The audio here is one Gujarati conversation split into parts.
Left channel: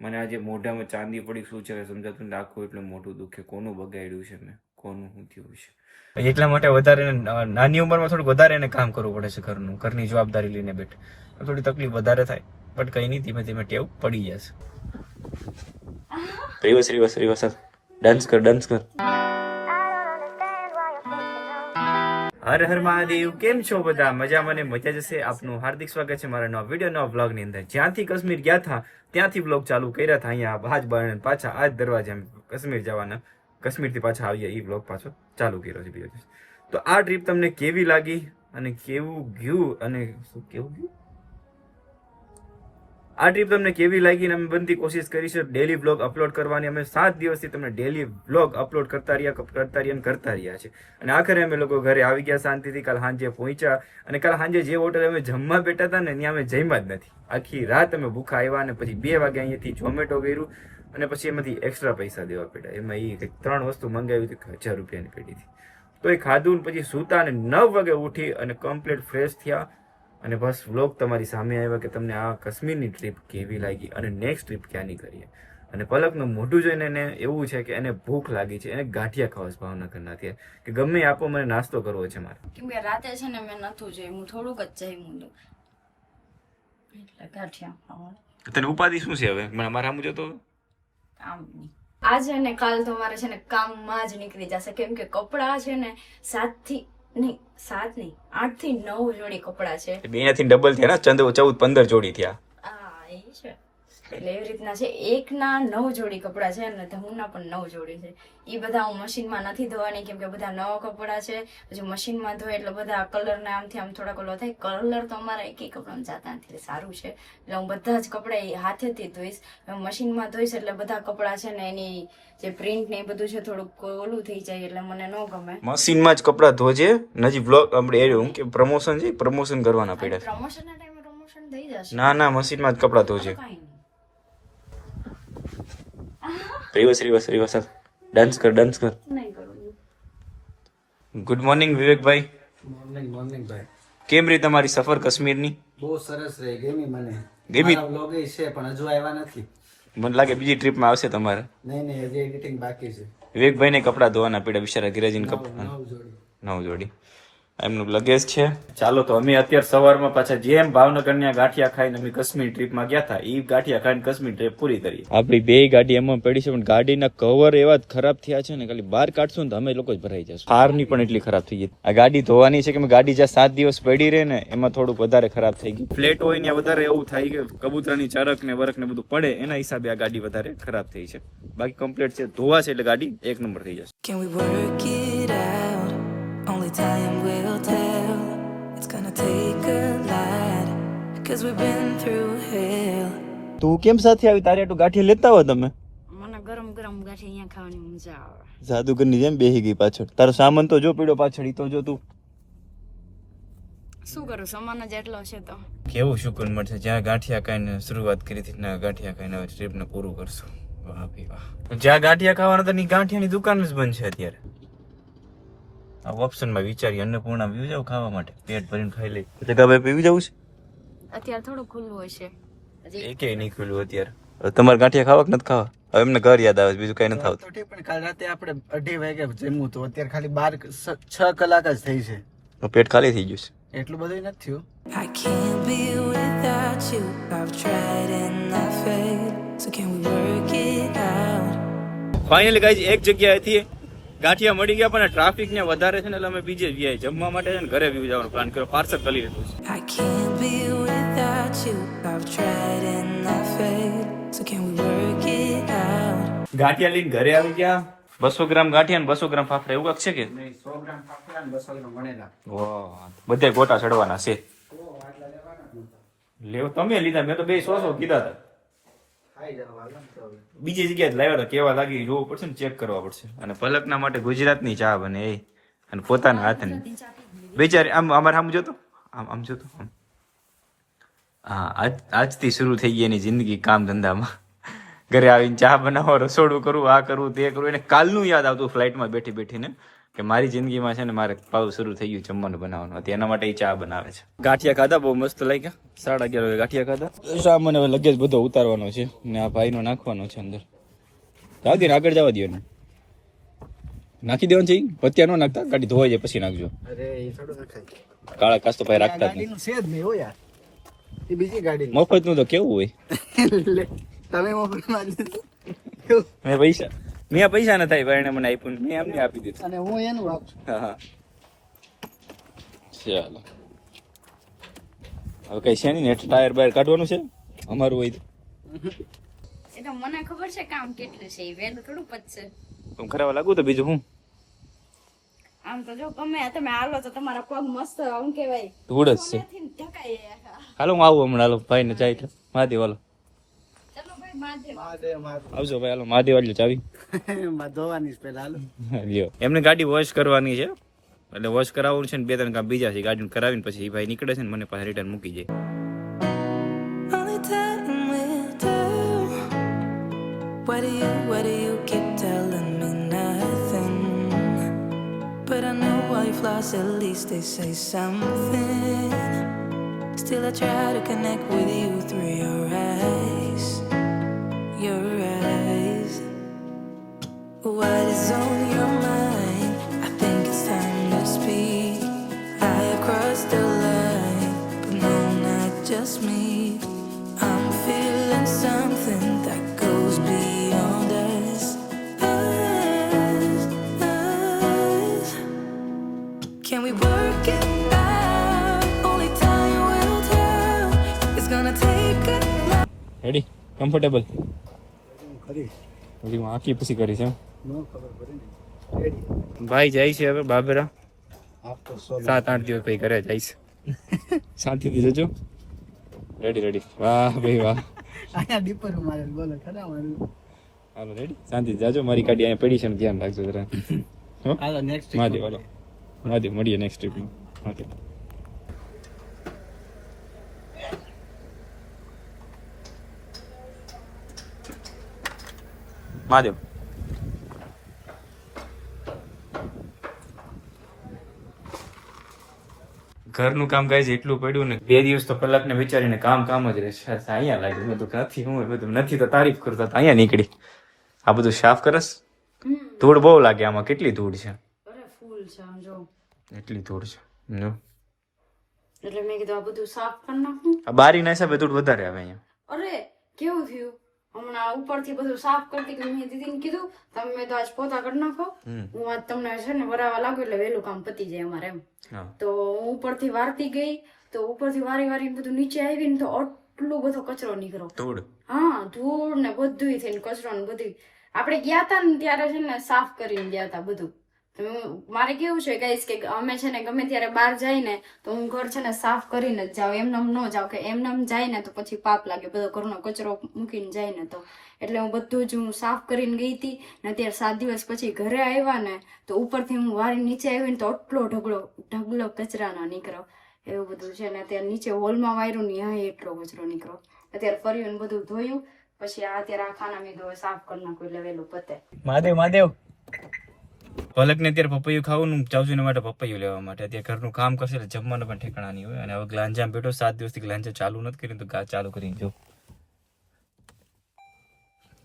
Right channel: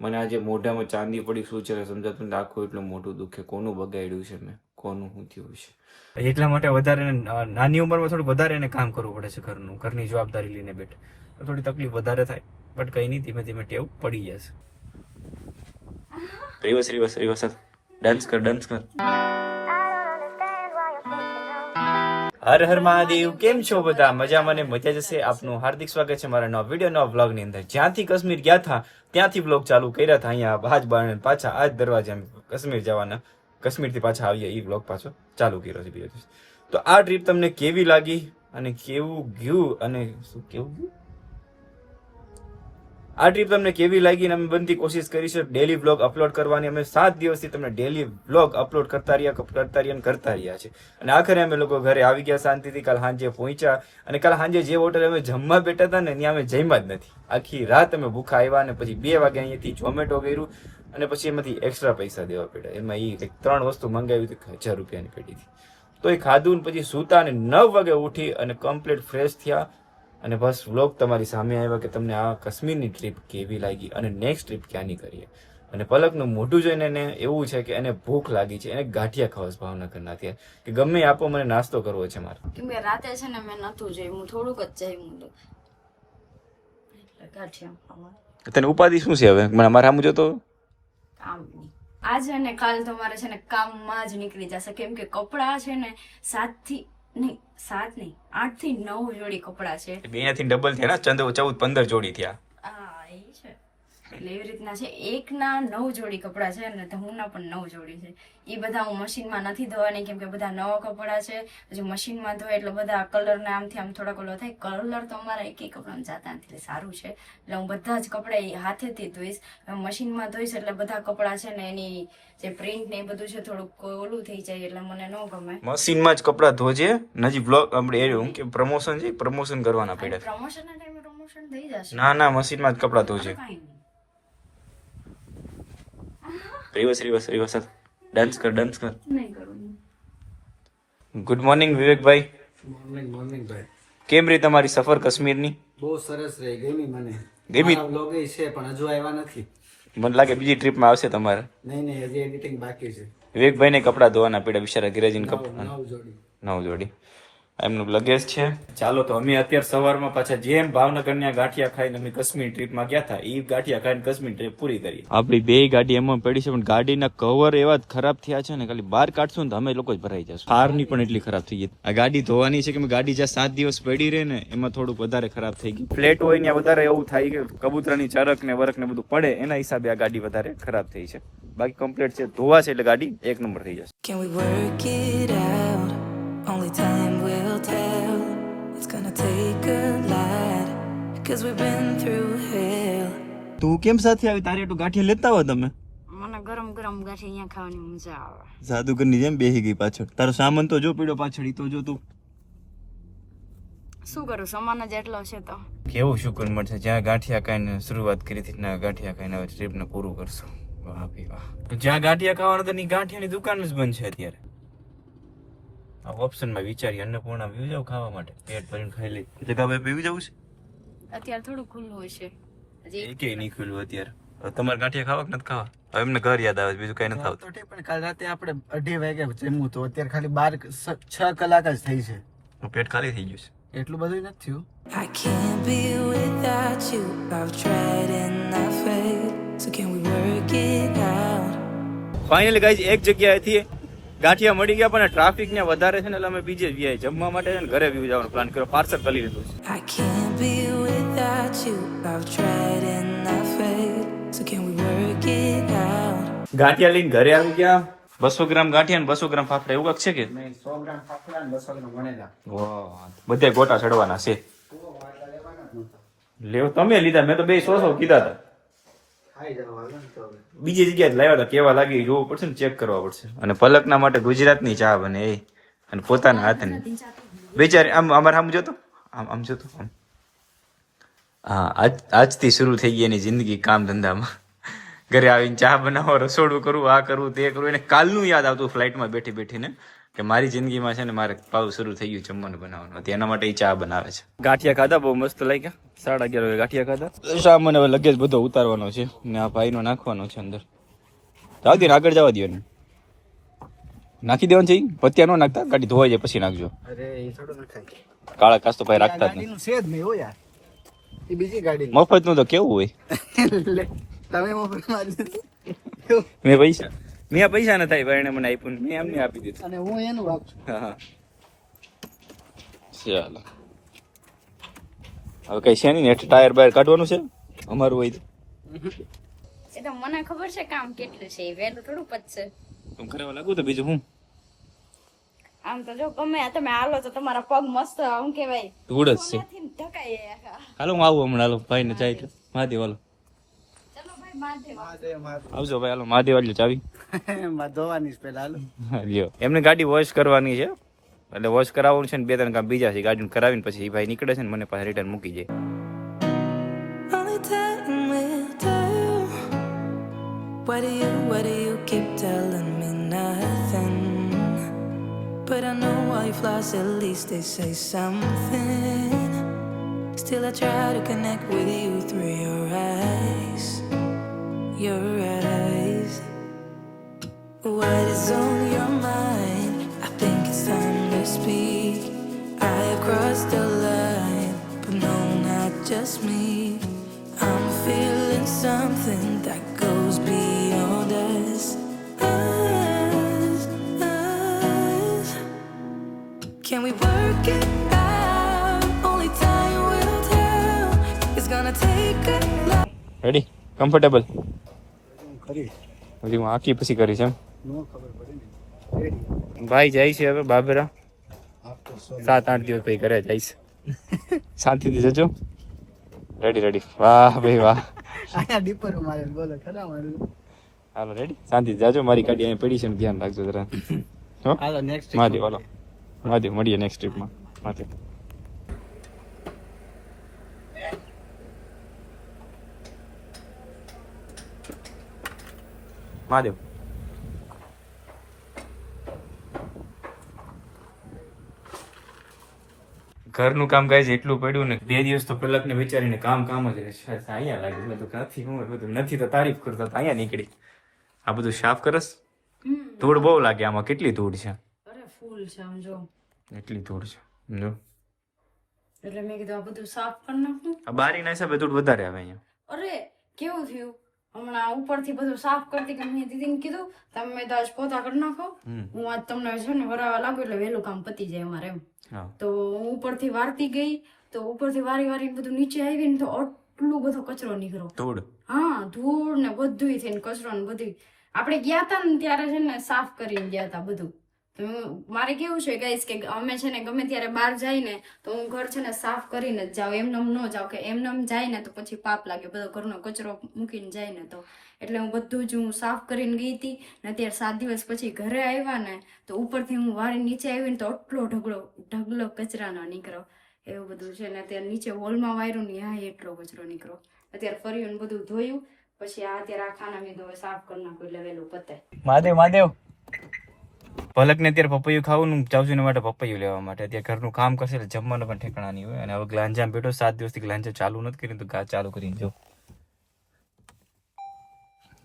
મને આજે મોઢામાં ચાંદી પડી શું છે સમજાતું નથી. આખું એટલું મોટું દુખે. કોનું બગાડ્યું છે મેં, કોનું શું થયું છે. એટલા માટે વધારે નાની ઉંમરમાં થોડુંક વધારે એને કામ કરવું પડે છે ઘરનું, ઘરની જવાબદારી લઈને બેઠે થોડી તકલીફ વધારે થાય. બટ કંઈ નહીં, ધીમે ધીમે ટેવ પડી જશે. રિવર્સ રિવર્સ રિવર્સ ડાન્સ કર ડાન્સ કર. હર હર મહાદેવ. કેમ છો બધા? મજા? મને મજા જશે. આપનું હાર્દિક સ્વાગત છે મારા નવા વિડીયો નવા વ્લોગ ની અંદર. જ્યાંથી કાશ્મીર ગયા હતા ત્યાંથી વ્લોગ ચાલુ કર્યા હતા. અહીંયા હાજ બાર પાછા આજ દરવાજા કાશ્મીર જવાના, કાશ્મીરથી પાછા આવીએ એ વ્લોગ પાછો ચાલુ કર્યો છે બીજો દિવસ. તો આ ટ્રીપ તમને કેવી લાગી અને કેવું ગયું અને શું કેવું ગયું, આ ટ્રીપ તમને કેવી લાગી અને અમે બનતી કોશિશ કરીશું ડેલી વ્લોગ અપલોડ કરવાની. અમે 7 દિવસથી તમને ડેલી વ્લોગ અપલોડ કરતા રહ્યા છે. અને આખરે અમે લોકો ઘરે આવી ગયા શાંતિથી. કાલ સાંજે પહોંચ્યા અને કાલ સાંજે જે હોટલ અમે જમવા બેઠા હતા ને ત્યાં અમે જમ્યા જ નથી. આખી રાત અમે ભૂખા આવ્યા અને પછી 2 વાગે અહીંયાથી ઝોમેટો કર્યું અને પછી એમાંથી એક્સ્ટ્રા પૈસા દેવા પડ્યા. એમાં એ કંઈક 3 વસ્તુ મંગાવી હતી 1000 રૂપિયાની પેટીથી. તો એ ખાધું ને પછી સૂતા અને 9 વાગે ઉઠી અને કમ્પ્લીટ ફ્રેશ થયા. અને બસ વ્લોગ તમારી સામે આવ્યા કે તમને આ કાશ્મીરની ટ્રીપ કેવી લાગી અને નેક્સ્ટ ટ્રીપ ક્યાંની કરીએ. અને પલકનું મોઢું જોઈને એને એવું છે કે એને ભૂખ લાગી છે, એને ગાંઠિયા ખાવા છે ભાવનગરના. ત્યાં કે ગમે આપો, મને નાસ્તો કરવો છે મારે. કેમ કે રાતે છે ને મેં નતું જોયું, હું થોડુંક જ જમ્યું એટલે ગાંઠિયા ખાવા. તને ઉપાધિ શું છે હવે? મને અમારે આમ જોતો આજે ને કાલ તો મારે છે ને કામમાં જ નીકળી જશે. કેમ કે કપડા છે ને 7 થી 8 થી 9 જોડી કપડા છે. બેનાથી ડબલ થયા ને, 14 15 જોડી થયા. હા એ છે. એટલે એવી રીતના છે. એકના 9 જોડી કપડા છે અને ધમુના પણ 9 જોડી છે. એ બધા હું મશીનમાં નથી ધોવાની કેમ કે બધા નવા કપડા છે. પછી મશીનમાં ધોય એટલે બધા કલર ને આમથી આમ થોડા કલર થાય. કલર તો અમારા એક કપડામાં જાતા નથી, સારું છે. એટલે હું બધા જ કપડા હાથેથી ધોઈશ. મશીનમાં ધોઈશ એટલે બધા કપડા છે ને એની જે પ્રિન્ટ ને એ બધું છે થોડુંક ઓલું થઈ જાય એટલે મને ન ગમે. મશીનમાં જ કપડા ધોજે. નજી બ્લોગ આપણે હું કે પ્રમોશન છે, પ્રમોશન કરવાના પડ્યા. પ્રમોશન ના ટાઈમે પ્રમોશન થઈ જશે. ના ના, મશીનમાં જ કપડા ધોજે. રિવર્સ રિવર્સ રિવર્સ ડાન્સ કર ડાન્સ કર. નહીં કરું. ગુડ મોર્નિંગ વિવેકભાઈ. મોર્નિંગ ભાઈ. કેમ રહી તમારી સફર કાશ્મીરની? બહુ સરસ રહી. ગમી મને. ગમી? વ્લોગ છે પણ હજુ આવ્યા નથી. મને લાગે બીજી ટ્રીપમાં આવશે તમારે. નહીં હજી એડિટિંગ બાકી છે. વિવેકભાઈને કપડા ધોવાના પડ્યા બિચારા. ગિરાજીને કપડા 9 જોડી. 9 જોડી એમનું લગેજ છે. ચાલો તો અમે અત્યારે સવારમાં પાછા જેમ ભાવનગરના ગાંઠિયા ખાઈને અમે કાશ્મીર ટ્રીપમાં ગયા હતા એ ગાંઠિયા ખાઈને કાશ્મીર ટ્રીપ પૂરી કરી. આપણી 2 ગાડી એમાં પડી છે પણ ગાડીના કવર એવા જ ખરાબ થયા છે ને, ખાલી બહાર કાઢશું ને તો અમે લોકો જ ભરાઈ જશું. હારની પણ એટલી ખરાબ થઈ ગઈ. આ ગાડી ધોવાની છે કે ગાડી જ્યાં 7 દિવસ પડી રહે ને એમાં થોડુંક વધારે ખરાબ થઈ ગઈ. ફ્લેટ હોય ને વધારે એવું થાય કે કબૂતરની ચરક ને વરક ને બધું પડે, એના હિસાબે આ ગાડી વધારે ખરાબ થઈ છે. બાકી કમ્પ્લીટ છે, ધોવા છે એટલે ગાડી 1 નંબર થઈ જશે. Can we work it out? Only time will tell. It's gonna take a lot, cause we've been through hell. તું કેમ સાથે આવી? તારે તો ગાંઠિયા લેતા હોય તમે. મને ગરમ ગરમ ગાંઠિયા અહીંયા ખાવાની મજા આવે. જાદુગરની જેમ બેહી ગઈ પાછળ. તારો સામાન તો જો પડ્યો પાછળ, ઈ તો જો તું. શું કરું, સામાન જ એટલો છે તો. કેવું શુકર મળશે જ્યાં ગાંઠિયા ખાઈને શરૂઆત કરી હતી ને ગાંઠિયા ખાઈને હવે ટ્રીપને પૂરું કરશું. વાહ ભી વાહ. જ્યાં ગાંઠિયા ખાવાના તો ની ગાંઠિયાની દુકાન જ બંધ છે અત્યારે. આ ઓપ્શનમાં વિચારી અન્નપૂર્ણા પીવી જાવ ખાવા માટે, પેટ ભરીને ખાઈ લઈ. એટલે કે ભાઈ પીવી જવું છે અત્યારે થોડું ખુલ્લું હોય છે હજી. એકેય નહીં ખુલ્લું અત્યારે. તમારે ગાંઠિયા ખાવા કે નથી ખાવા? હવે એમને ઘર યાદ આવે, બીજું કઈ નથી આવતું. તો ઠીક, પણ કાલ રાતે આપણે 2:30 વાગે જમ્યું તો અત્યારે ખાલી 6 કલાક જ થઈ છે. તો પેટ ખાલી થઈ ગયું છે. એટલું બધું નથી થયું. I can't be without you. I've tried and I failed. So can we work it out? Finally guys એક જગ્યાએથી ગાંઠિયા મળી ગયા પણ ટ્રાફિક ને વધારે છે ને એટલે અમે બીજે જ ગયા જમવા માટે છે ને ઘરે બી જવાનો પ્લાન કર્યો. પાર્સલ કરી લીધું છે. I can't be without you. I've tried and I failed. So can we work it out? ગાંઠિયા લઈને ઘરે આવી ગયા. 200 ગ્રામ ગાંઠિયા ને 200 ગ્રામ ફાફડા એવું કાંક છે કે? નહીં, 100 ગ્રામ ફાફડા અને 200 ગ્રામ વણેલા. વાહ, બધે ગોટા ચડવાના છે. લેવ તમે લીધા, મેં તો 200 કીધા હતા. ખાઈ જવા હાલ ને તો હવે. બીજી જગ્યાએ લાવ્યા હતા, કેવા લાગી જોવું પડશે ને, ચેક કરવા પડશે. અને પલકના માટે ગુજરાતની ચા બને એ, અને પોતાના હાથની. બેચારી આમ અમારે આમ જોતો, આમ જોતો આમ. હા, આજથી શરૂ થઈ ગઈ એની જિંદગી કામ ધંધામાં. ઘરે આવીને ચા બનાવો, રસોડું કરવું, આ કરવું તે કરવું. એને કાલનું યાદ આવતું ફ્લાઇટમાં બેઠી બેઠીને કે મારી જિંદગીમાં છે ને મારે પાવ શરૂ થઈ ગયું જમવાનું બનાવવાનું હતું, એના માટે એ ચા બનાવે છે. ગાંઠિયા ખાધા, બહુ મસ્ત લાગ્યા. 11:30 વાગે ગાંઠિયા ખાધા. સામાન હવે લગેજ બધો ઉતારવાનો છે ને આ ભાઈનો નાખવાનો છે અંદર. જવા દો ને, આગળ જવા દો ને, નાખી દેવાનું છે. પત્યા ન નાખતા, ગાડી ધોવાઈ જાય પછી નાખજો. અરે એ થોડું નખાય. કાળા કાચ તો ભાઈ રાખતા જ નહીં. ગાડીનું છે જ નહીં હો યાર, એ બીજી ગાડી મફત નું તો કેવું હોય. તમે મફત મારી દીધું. મેં પૈસા ન થાય ભાઈ, એને મને આપ્યું, મેં એમને આપી દીધું. અને હું એનું આપશું. હા ચાલો હવે કઈ છે નહીં, ટાયર બાયર કાઢવાનું છે અમારું હોય તો. એ તો મને ખબર છે કામ કેટલું છે, એ વહેલું થોડું પતશે. હું ખરાબ લાગુ તો બીજું હું. આમ તો જો ગમે તમે હાલો તો તમારા પગ મસ્ત આમ કેવાય ધૂળ જ છે. ઢકાય. હાલો હું આવું હમણાં. હાલો ભાઈ ને જાય એટલે મહાદેવ. હાલો ચલો ભાઈ મહાદેવ. મહાદેવ આવજો ભાઈ. હાલો મહાદેવ આલ્યો ચાવી. માં ધોવાની છે પેલા. હાલો લ્યો, એમને ગાડી વોશ કરવાની છે એટલે વોશ કરાવવાનું છે ને 2-3 કામ બીજા છે. ગાડીને કરાવીને પછી એ ભાઈ નીકળે છે ને મને પાછા રિટર્ન મૂકી જાય. Only time will tell. Why do you keep telling me nothing? But I know while you've lost, at least they say something. Still I try to connect with you through your eyes. Your eyes. What is on your mind? I think it's time to speak. I have crossed the line, but no, not just me. I'm feeling something that goes beyond us. Us. Can we work it out? Only time will tell. It's gonna take a lot. Ready? Comfortable? હું કરીશ. હજી હું આખી પછી કરીશ એમ. નો ખબર પડે ને. રેડી. ભાઈ જાય છે હવે બાબરા. આફ્ટર સો 7-8 દિવસ પછી ઘરે જઈશ. શાંતિથી જજો. રેડી. વાહ ભાઈ વાહ. આયા ડીપર મારે બોલો ખરા મારું. હાલો રેડી, શાંતિથી જાજો. મારી ગાડી અહીંયા પડી છે ને ધ્યાન રાખજો જરા. હો હાલો નેક્સ્ટ મહાદેવ. હાલો મહાદેવ, મળીએ નેક્સ્ટ ટ્રીપમાં. મહાદેવ. મહાદેવ. ઘરનું કામ ગાય છે એટલું પડ્યું ને 2 દિવસ તો કલાકને વિચારીને કામ જ રહેશે. અહીંયા લાગ્યું બધું નથી, હું બધું નથી તો તારીફ કરતા તો અહીંયા નીકળી. આ બધું સાફ કરસ? ધૂળ બહુ લાગે આમાં. કેટલી ધૂળ છે? અરે ફૂલ છે આમ જો, એટલી ધૂળ છે જો. એટલે મેં કીધું આ બધું સાફ કરી નાખું. આ બારીના હિસાબે ધૂળ વધારે આવે અહીંયા. અરે કેવું થયું, હમણાં ઉપરથી બધું સાફ કરતી કે મેં દીદીને કીધું તમે તો આજ પોતા કરી નાખો, હું આજ તમને છે ને વરાવા લાગુ એટલે વહેલું કામ પતી જાય અમારે એમ. તો હું ઉપરથી વારતી ગઈ તો ઉપરથી વારી બધું નીચે આવી ને તો આટલું બધો કચરો નીકળ્યો. ધૂળ? હા, ધૂળ ને બધું થઈને કચરો ને બધું. આપણે ગયા તા ને ત્યારે છે ને સાફ કરીને ગયા તા બધું. મારે કેવું છે ગાઈસ કે અમે છે ને ગમે ત્યારે બહાર જાય ને તો હું ઘર છે ને સાફ કરીને જ જાઉં, એમનેમ ન જાઉં કે એમનેમ જાય ને તો પછી પાપ લાગે, બધો ઘરનો કચરો મૂકીને જાય ને તો. એટલે હું બધું જ હું સાફ કરીને ગઈ હતી ને અત્યારે 7 દિવસ પછી ઘરે આવ્યા ને તો ઉપરથી હું વારી નીચે આવી ને તો આટલો ઢગલો કચરાનો નીકળ્યો. એવું બધું છે ને અત્યારે નીચે હોલમાં વાયરું ને ત્યાં એટલો કચરો નીકળ્યો. અત્યારે ફર્યું ને બધું ધોયું પછી આ અત્યારે આ ખાના બીધું સાફ કરી નાખું એટલે વહેલું પતે. મહાદેવ. પલક ને અત્યારે પપૈયું ખાવાનું જાઉં છું એના માટે પપૈયું લેવા માટે. અત્યારે ઘરનું કામ કરશે એટલે જમવાનું પણ ઠેકાણા નહીં હોય. અને હવે ગ્લાંજામાં બેઠો 7 દિવસથી ગ્લાંજા ચાલુ નથી કરી તો ચાલુ કરી જો.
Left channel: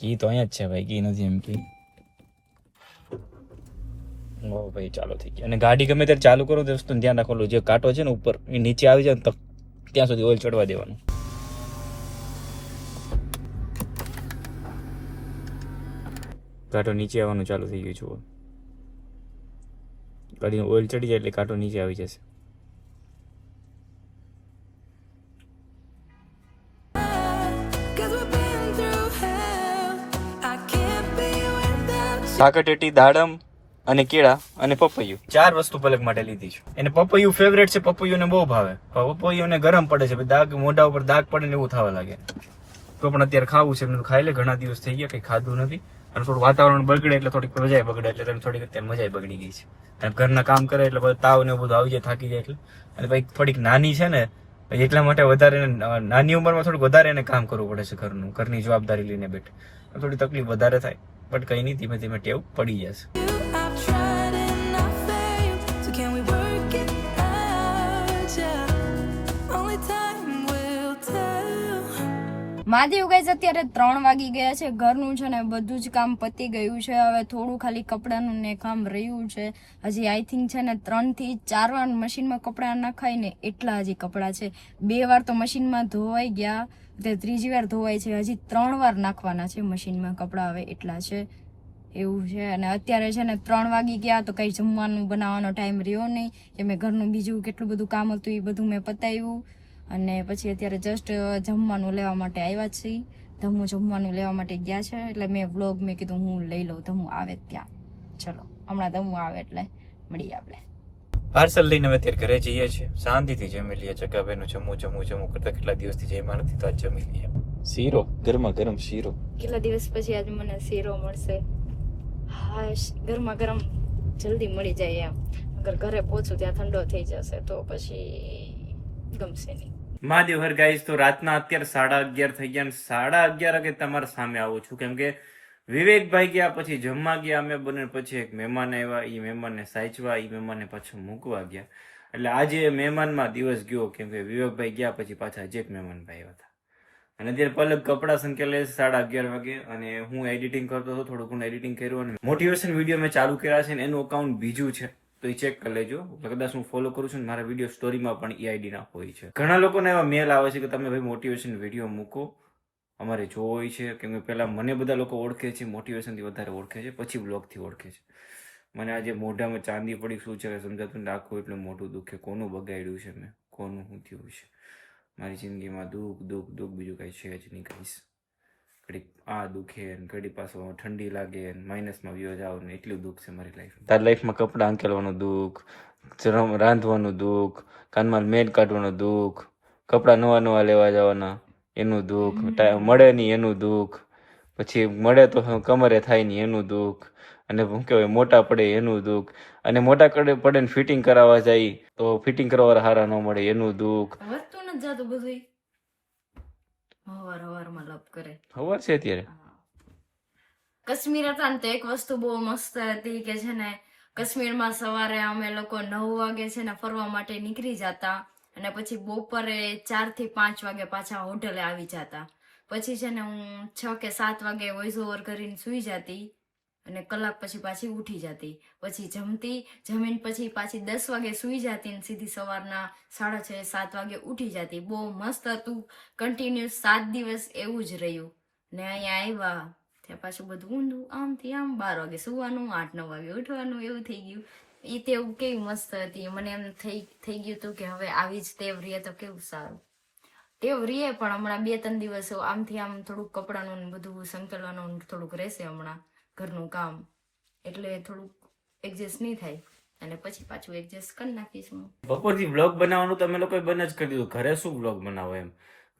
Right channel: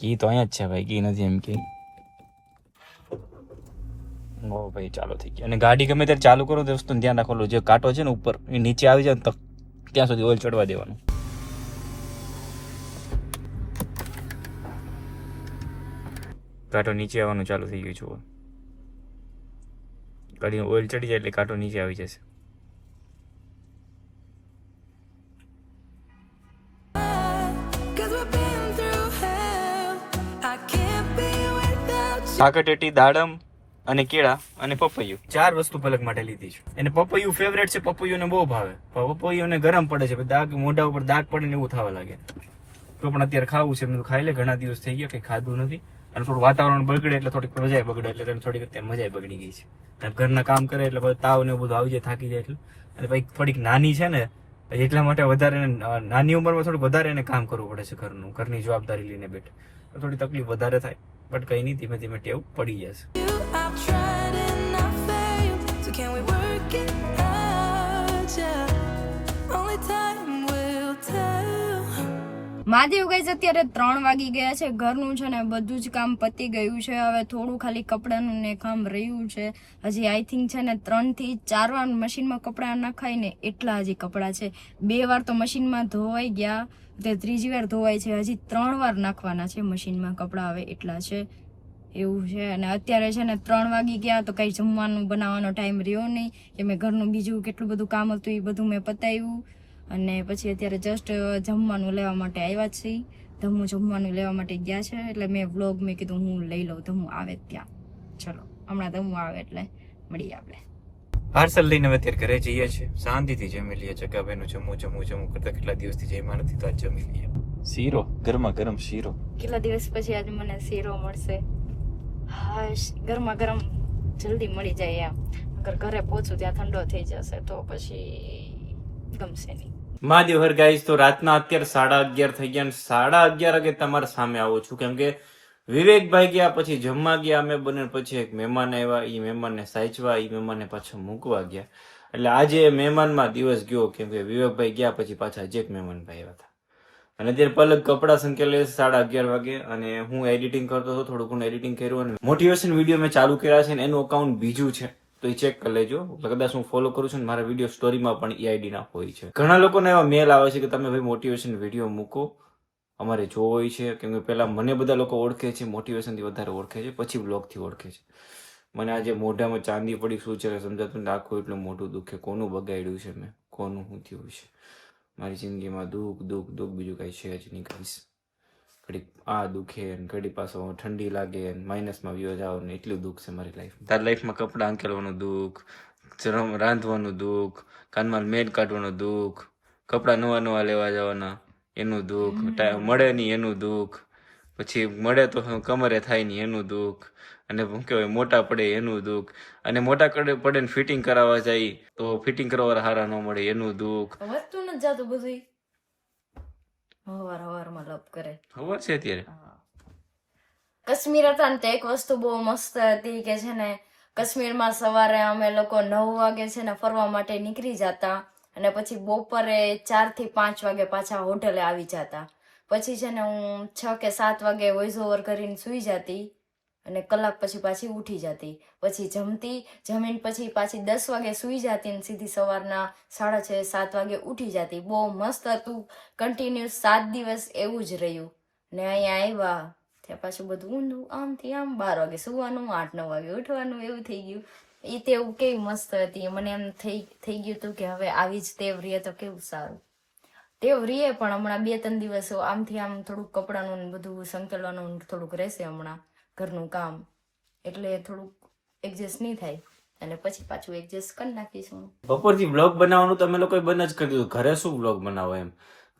કી તો અહીંયા જ છે ભાઈ, કી નથી એમ કે. ઓ ભાઈ ચાલુ થઈ ગઈ. અને ગાડી ગમે ત્યારે ચાલુ કરો તો વસ્તુનું ધ્યાન રાખવાનું, જે કાંટો છે ને ઉપર એ નીચે આવી જાય ને તો ત્યાં સુધી ઓઇલ ચડવા દેવાનું. કાંટો નીચે આવવાનું ચાલુ થઈ ગયું છે. ગાડીને ઓઇલ ચડી જાય એટલે કાંટો નીચે આવી જશે. સાકરટેટી, દાડમ અને કેળા અને પપૈયું, 4 વસ્તુ પલક માટે લીધી છે. એને પપૈયું ફેવરેટ છે, પપૈયું ને બહુ ભાવે. પપૈયું ને ગરમ પડે છે, દાગ મોઢા ઉપર દાગ પડે ને એવું થવા લાગે. તો પણ અત્યારે ખાવું છે, મેં ખાઈ લે. ઘણા દિવસ થઈ ગયા કઈ ખાધું નથી. અને થોડું વાતાવરણ બગડે એટલે થોડીક મજા બગડે એટલે થોડીક અત્યારે મજા બગડી ગઈ છે. અને ઘરના કામ કરે એટલે બધું તાવ ને બધું આવી જાય, થાકી જાય એટલે. અને ભાઈ થોડીક નાની છે ને એટલા માટે વધારે નાની ઉંમરમાં થોડુંક વધારે એને કામ કરવું પડે છે ઘરનું, ઘરની જવાબદારી લઈને બેઠે થોડી તકલીફ વધારે થાય. બટ કઈ નહીં, ધીમે ધીમે ટેવ પડી જશે. can we work it out? Yeah, only time will tell. Mahadev guys અત્યારે 3 વાગી ગયા છે. ઘરનું છે ને બધું જ કામ પતી ગયું છે. હવે થોડું ખાલી કપડાનું ને કામ રહ્યું છે. હજી આઈ થિંક છે ને 3 થી 4 વાર મશીનમાં કપડાં નખાય ને એટલા હજી કપડાં છે. 2 વાર તો મશીનમાં ધોવાઈ ગયા, તે ત્રીજી વાર ધોવાય છે. હજી 3 વાર નાખવાના છે મશીનમાં કપડાં, હવે એટલા છે એવું છે. અને અત્યારે છે ને 3 વાગી ગયા તો કઈ જમવાનું બનાવવાનો ટાઈમ રહ્યો નહીં, કે મેં ઘરનું બીજું કેટલું બધું કામ હતું એ બધું મેં પતાવ્યું. અને પછી અત્યારે જસ્ટ જમવાનું લેવા માટે આવ્યા છીએ. ધમુ જમવાનું લેવા માટે ગયા છે, એટલે મેં વ્લોગ મેં કીધું હું લઈ લઉં ધમુ આવે ત્યાં. ચલો હમણાં ધમુ આવે એટલે મળીએ આપણે. પાર્સલ લઈને હવે અત્યારે ઘરે જઈએ છીએ. શાંતિથી જમી લઈએ. ચકાભાઈનું જમવું કરતા કેટલા દિવસથી જમ્યા નથી, તો આજ જમી લઈએ. શીરો, ગરમા ગરમ શીરો. કેટલા દિવસ પછી આજે મને શીરો મળશે. હાશ, ગરમા ગરમ જલ્દી મળી જાય એમ. અગર ઘરે પહોંચું ત્યાં ઠંડો થઈ જશે તો પછી ગમશે નહીં. મહાદેવ હર ગાઈસ, તો રાતના અત્યારે 11:30 થઈ ગયા. 11:30 વાગે તમારા સામે આવું છું, કેમ કે વિવેકભાઈ ગયા, પછી જમવા ગયા અમે બંને, પછી એક મહેમાન આવ્યા, એ મહેમાનને સાચવા, એ મહેમાનને પાછો મૂકવા ગયા. એટલે આજે મહેમાનમાં દિવસ ગયો, કેમ કે વિવેકભાઈ ગયા પછી પાછા હજી એક મહેમાનભાઈ આવ્યા હતા. અને અત્યારે પલક કપડા સંકેલે 11:30 વાગે, અને હું એડિટિંગ કરતો હતો, થોડું ઘણું એડિટિંગ કર્યું, અને મોટિવેશન વિડીયો મેં ચાલુ કર્યા છે, અને એનું અકાઉન્ટ બીજું છે, તો એ ચેક કરી લેજો. કદાચ હું ફોલો કરું છું, મારા વિડીયો સ્ટોરીમાં પણ EID ના હોય છે. ઘણા લોકોને એવા મેલ આવે છે કે તમે ભાઈ મોટિવેશન વિડીયો મૂકો, અમારે જોવો હોય છે, કેમ કે પહેલા મને બધા લોકો ઓળખે છે, મોટિવેશનથી વધારે ઓળખે છે, પછી બ્લોગથી ઓળખે છે. મને આજે મોઢામાં ચાંદી પડી શું છે સમજાતું ને, આખું એટલું મોટું દુઃખ છે. કોનું બગાડ્યું છે મેં, કોનું શું થયું છે મારી જિંદગીમાં? દુઃખ બીજું કઈ છે જ નહીં કહીશ. ઘડીક આ દુખે ને ઘડી પાછો ઠંડી લાગે ને માઇનસમાં વ્યો જાવ ને, એટલું દુઃખ છે મારી લાઈફમાં. તારી લાઈફમાં કપડાં અંકેલવાનું દુઃખ, રાંધવાનું દુઃખ, કાનમાં મેડ કાઢવાનું દુઃખ, કપડાં નવા લેવા જવાના એનું દુઃખ, મળે નહીં એનું દુઃખ, પછી મળે તો કમરે થાય નહીં એનું દુઃખ, અને શું કહેવાય મોટા પડે એનું દુઃખ, અને મોટા પડે ને ફિટિંગ કરાવવા જાય તો ફિટિંગ કરવા હારા ન મળે એનું દુઃખ. વસ્તુ નથી જાતું બધું હવારમાં લપ કરે. ખબર છે અત્યારે કાશ્મીર હતા ને તો એક વસ્તુ બહુ મસ્ત હતી કે છે ને, કાશ્મીરમાં સવારે અમે લોકો 9 વાગે છે ને ફરવા માટે નીકળી જતા, અને પછી બપોરે 4 થી 5 વાગે પાછા હોટલે આવી જતા. પછી છે ને હું 6 કે 7 વાગે વોઇસ ઓવર કરીને સુઈ જતી, અને કલાક પછી પાછી ઉઠી જતી. પછી જમીન પછી પાછી 10 વાગે સુઈ જતી ને સીધી સવારના 6:30 7 વાગે ઉઠી જતી. બહુ મસ્ત હતું. કન્ટિન્યુઅસ 7 દિવસ એવું જ રહ્યું. ને અહીંયા આવ્યા ત્યાં પાછું બધું ઊંધું, આમથી આમ 12 વાગે સુવાનું, 8-9 વાગે ઉઠવાનું, એવું થઈ ગયું. એ તેવું કેવી મસ્ત હતી. મને એમ થઈ ગયું હતું કે હવે આવી જ ટેવ રહીએ તો કેવું સારું. ટેવ રહીએ પણ હમણાં 2-3 દિવસ આમથી આમ થોડુંક કપડાનું ને બધું સંકેલવાનું થોડુંક રહેશે હમણાં ઘરનું કામ, એટલે થોડુંક એડજસ્ટ નહીં થાય, અને પછી પાછું એડજસ્ટ કરી નાખીશું. બપોરથી વ્લોગ બનાવવાનું તો અમે લોકોએ બંધ જ કરી દીધું. ઘરે શું વ્લોગ બનાવો એમ,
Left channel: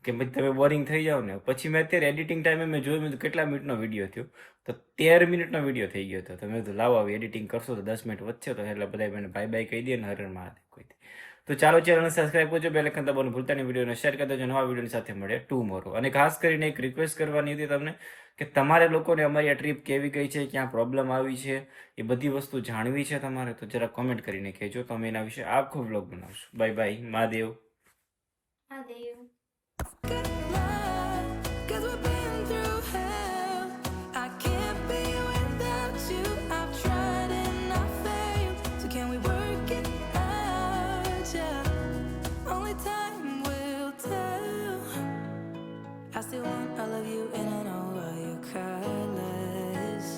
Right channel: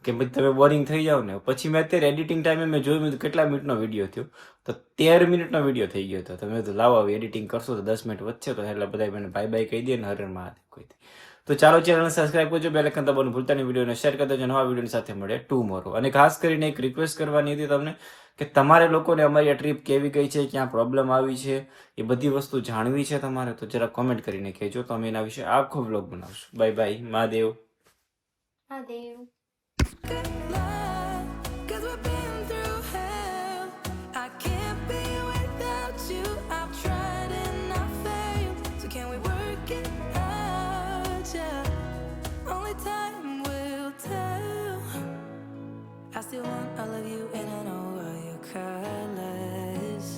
કે ભાઈ તમે બોરિંગ થઈ જાવ ને. પછી મેં અત્યારે એડિટિંગ ટાઈમે મેં જોયું કેટલા મિનિટનો વિડીયો થયો, તો 13 મિનિટનો વિડીયો થઈ ગયો હતો. તમે તો લાવો આવી એડિટિંગ કરશો તો 10 મિનિટ વધશે, તો એટલે બધા મને બાય કહી દે ને, હરણ મહાદેવ કોઈ. તો ચાલો ચેનલને સબસ્ક્રાઈબ કરજો, બેલ આઇકન દબાવવાનું ભૂલતા નહીં, વિડીયોને શેર કરી દેજો. નવા વિડીયોની સાથે મળે ટુમોરો. અને ખાસ કરીને એક રિક્વેસ્ટ કરવાની હતી તમને, કે તમારે લોકોને અમારી આ ટ્રીપ કેવી ગઈ છે, ક્યાં પ્રોબ્લેમ આવી છે, એ બધી વસ્તુ જાણવી છે તમારે, તો જરા કોમેન્ટ કરીને કહેજો, તો અમે એના વિશે આખો વ્લોગ બનાવશું. Bye bye, Mahadev. Good luck, 'cause we've been through hell. I can't be without you. I've tried and I failed. So can we work it out? Yeah, only time will tell. I still want all of you and I know all your colors.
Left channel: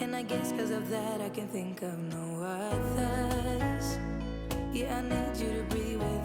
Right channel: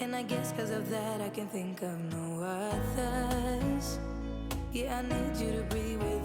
And I guess 'cause of that I can think of no others. Yeah, I need you to breathe without